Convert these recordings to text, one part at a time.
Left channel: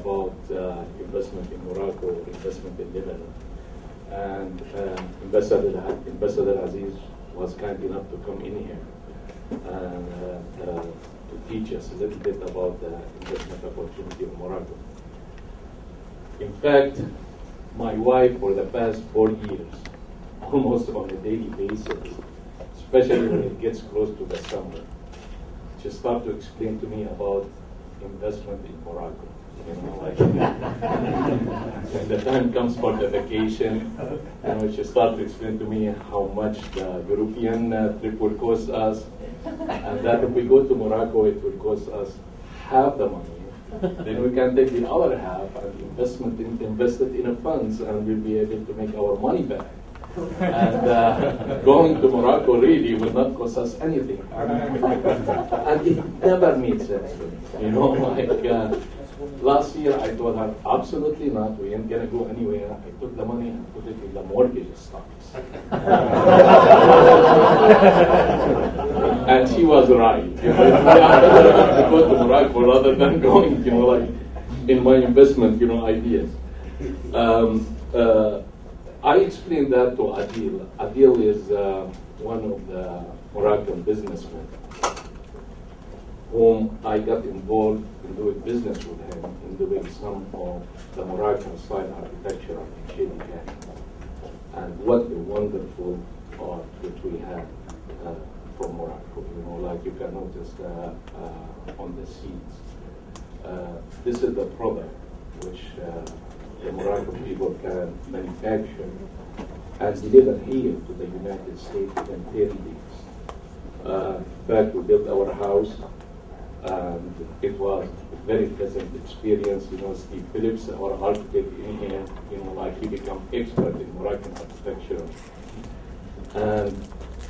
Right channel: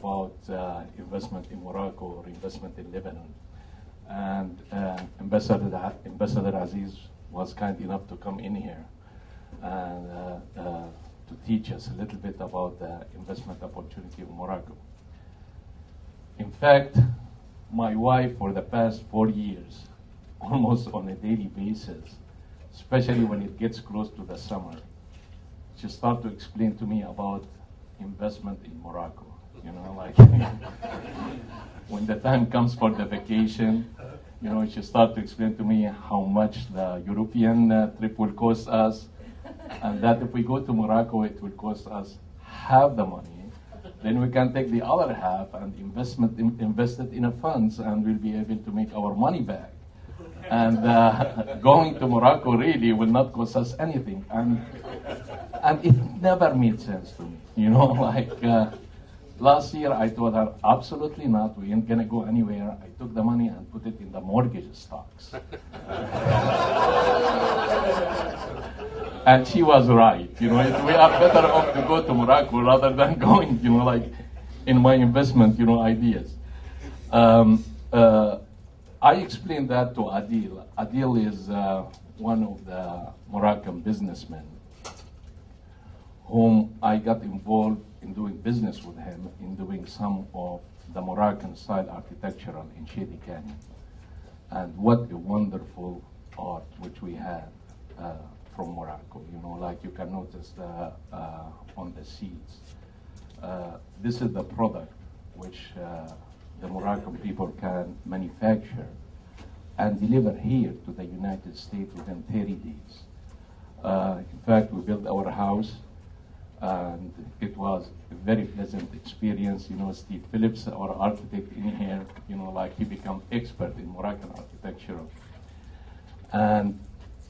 about investment in Morocco, investment in Lebanon. And Ambassador Aziz was kind enough to come in here and to teach us a little bit about the investment opportunity of Morocco. In fact, my wife for the past 4 years, almost on a daily basis, especially when it gets close to the summer, she started to explain to me about investment in Morocco. You know, like when the time comes for the vacation, you know, she started to explain to me how much the European trip will cost us, and that if we go to Morocco, it will cost us half the money. Then we can take the other half and invest it in a funds, and we'll be able to make our money back. And going to Morocco really will not cost us anything, and it never made sense to me. You know, like. Last year, I told her, absolutely not, we ain't going to go anywhere. I took the money and put it in the mortgage stocks. And she was right. You know, it's better to go to Morocco rather than going, you know, like in my investment, you know, ideas. I explained that to Adil. Adil is one of the Moroccan businessmen whom I got involved in doing business with him, in doing some of the Moroccan style architecture in Shady Canyon. And what a wonderful art which we had from Morocco. You know, like you can notice on the seats. This is the product which the Moroccan people can manufacture and deliver here to the United States within 30 days. In fact, we built our house, and it was a very pleasant experience. You know, Steve Phillips, our architect in here, you know, like he became expert in Moroccan architecture. And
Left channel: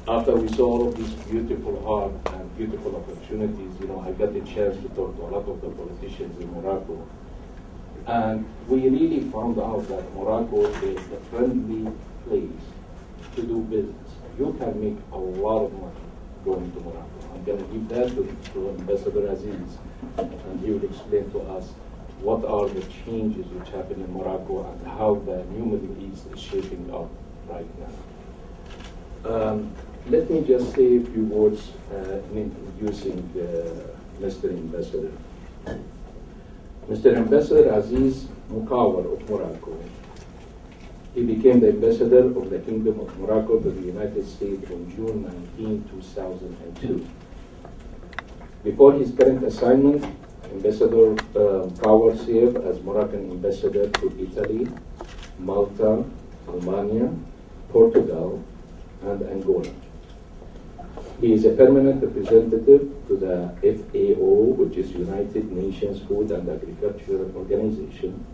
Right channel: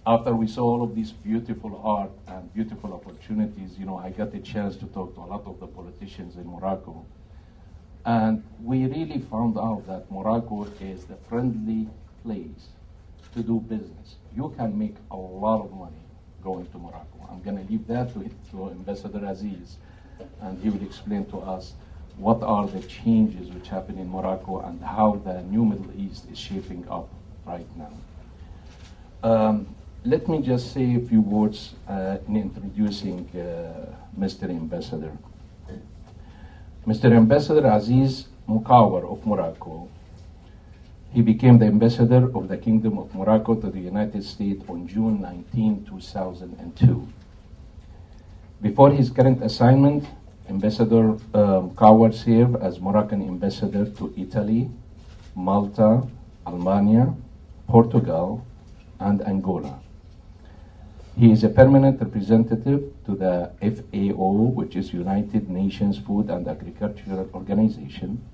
after we saw all of this beautiful art and beautiful opportunities, you know, I got the chance to talk to a lot of the politicians in Morocco. And we really found out that Morocco is the friendly place to do business. You can make a lot of money going to Morocco. I'm going to give that to Ambassador Aziz, and he will explain to us what are the changes which happen in Morocco and how the new Middle East is shaping up right now. Let me just say a few words in introducing Mr. Ambassador. Mr. Ambassador Aziz Mekouar of Morocco. He became the ambassador of the Kingdom of Morocco to the United States on June 19, 2002. Before his current assignment, Ambassador Mekouar served as Moroccan ambassador to Italy, Malta, Albania, Portugal, and Angola. He is a permanent representative to the FAO, which is United Nations Food and Agriculture Organization.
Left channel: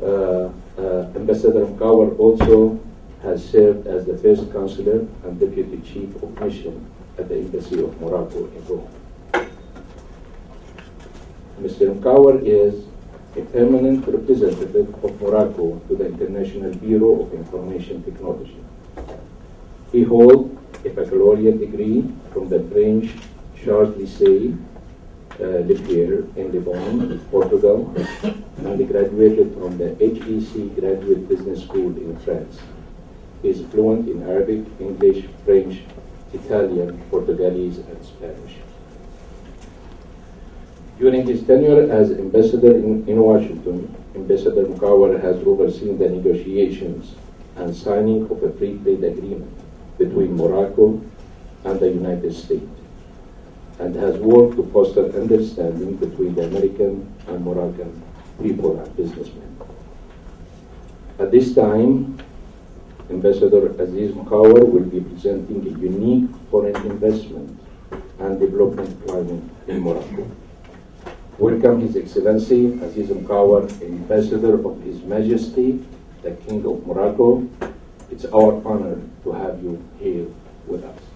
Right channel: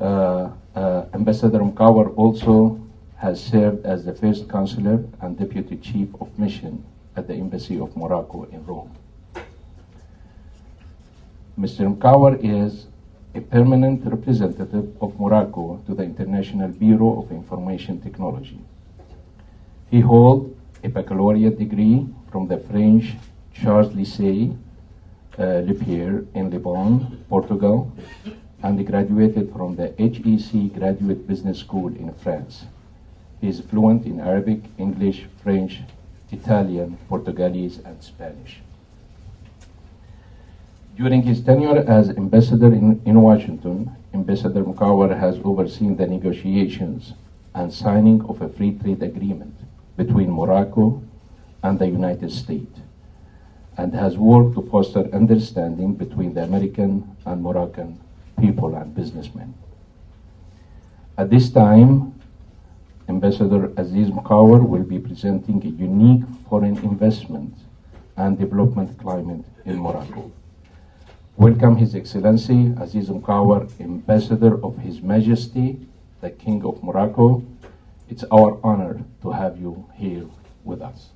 Ambassador Mekouar also has served as the first consular and deputy chief of mission at the Embassy of Morocco in Rome. Mr. Mekouar is a permanent representative of Morocco to the International Bureau of Information Technology. He holds a baccalaureate degree from the French Charles Lycée Le Pierre in Lebanon, Portugal, and he graduated from the HEC Graduate Business School in France. He is fluent in Arabic, English, French, Italian, Portuguese, and Spanish. During his tenure as ambassador in Washington, Ambassador Mekouar has overseen the negotiations and signing of a free trade agreement between Morocco and the United States, and has worked to foster understanding between the American and Moroccan people and businessmen. At this time, Ambassador Aziz Mekouar will be presenting a unique foreign investment and development climate in Morocco. Welcome His Excellency Aziz Mekouar, Ambassador of His Majesty, the King of Morocco. It's our honor to have you here with us.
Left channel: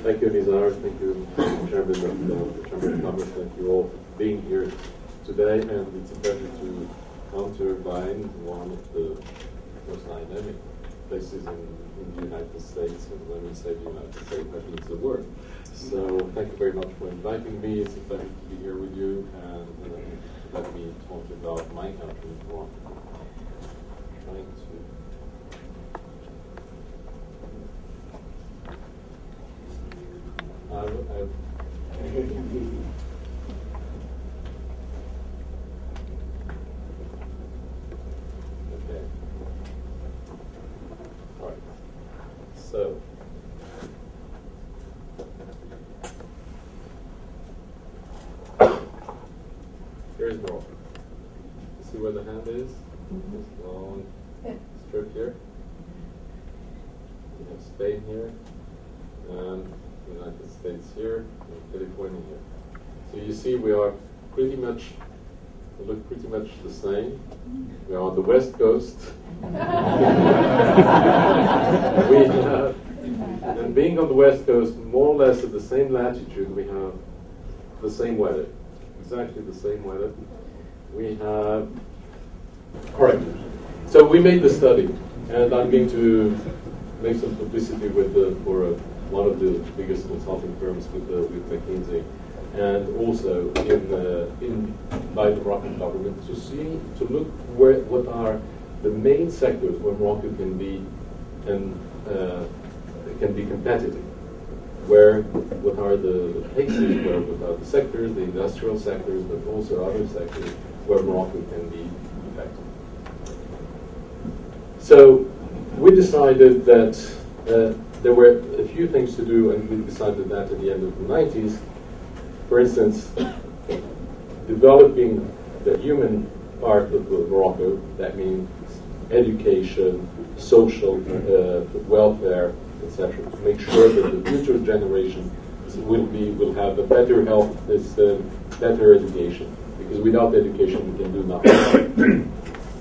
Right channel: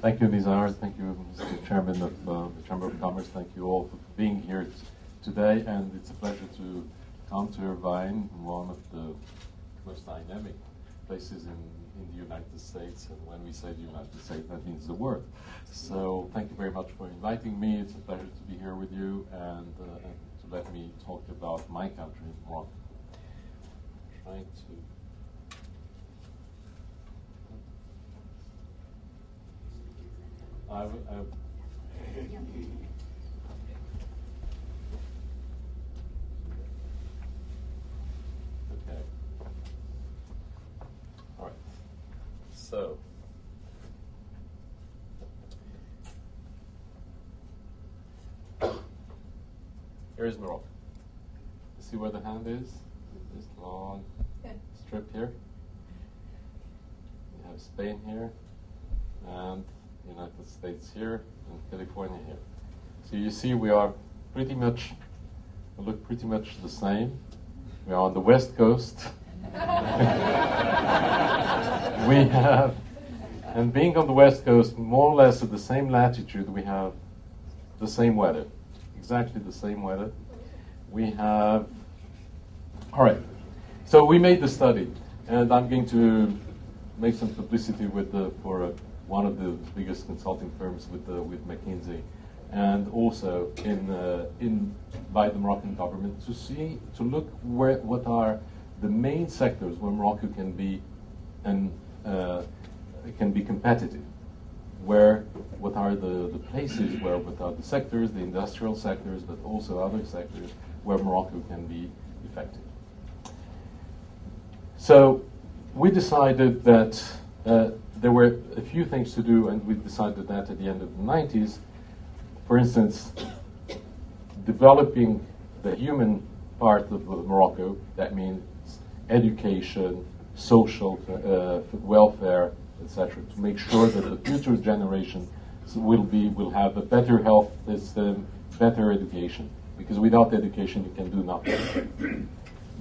Thank you, Nizar. Thank you, Mr. Chairman of the Chamber of Commerce. Thank you all for being here today. And it's a pleasure to come to Irvine, one of the most dynamic places in the United States. And when we say the United States, that means the world. So thank you very much for inviting me. It's a pleasure to be here with you and to let me talk about my country, Morocco. Trying to. Okay. All right. So. Here's Morocco. You see where the hand is? This long strip here. We have Spain here, and the United States here, and California here. So you see we are pretty much, we look pretty much the same. We are on the west coast. We have, and being on the west coast, more or less at the same latitude, we have the same weather. Exactly the same weather. We have, all right, so we made the study, and I'm going to make some publicity with for one of the biggest consulting firms with McKinsey, and also by the Moroccan government to look what are the main sectors where Morocco can be competitive. What are the places what are the sectors, the industrial sectors, but also other sectors where Morocco can be effective. So we decided that there were a few things to do, and we decided that at the end of the 90s. For instance, developing the human part of Morocco, that means education, social welfare, etc., to make sure that the future generation will have a better health system, better education. Because without education, we can do nothing.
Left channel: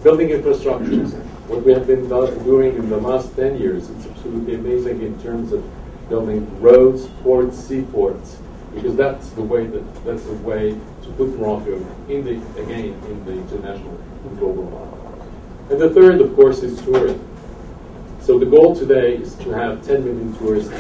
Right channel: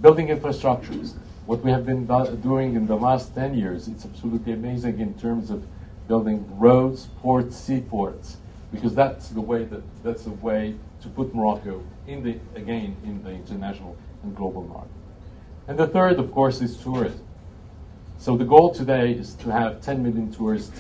Building infrastructures. What we have been doing in the last 10 years, it's absolutely amazing in terms of building roads, ports, seaports, because that's the way to put Morocco in the international and global market. And the third, of course, is tourism. So the goal today is to have 10 million tourists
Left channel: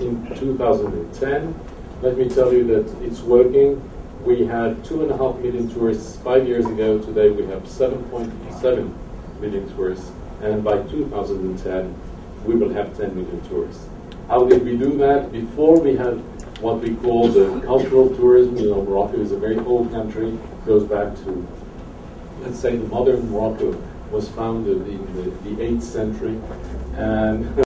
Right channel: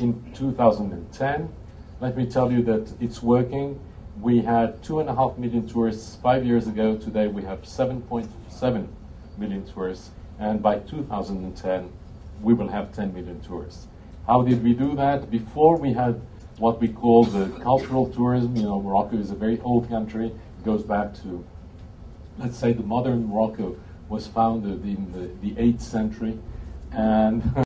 in 2010. Let me tell you that it's working. We had 2.5 million tourists 5 years ago. Today we have 7.7 million tourists. And by 2010, we will have 10 million tourists. How did we do that? Before we had what we call the cultural tourism. You know, Morocco is a very old country. It goes back to, let's say, the modern Morocco was founded in the 8th century. And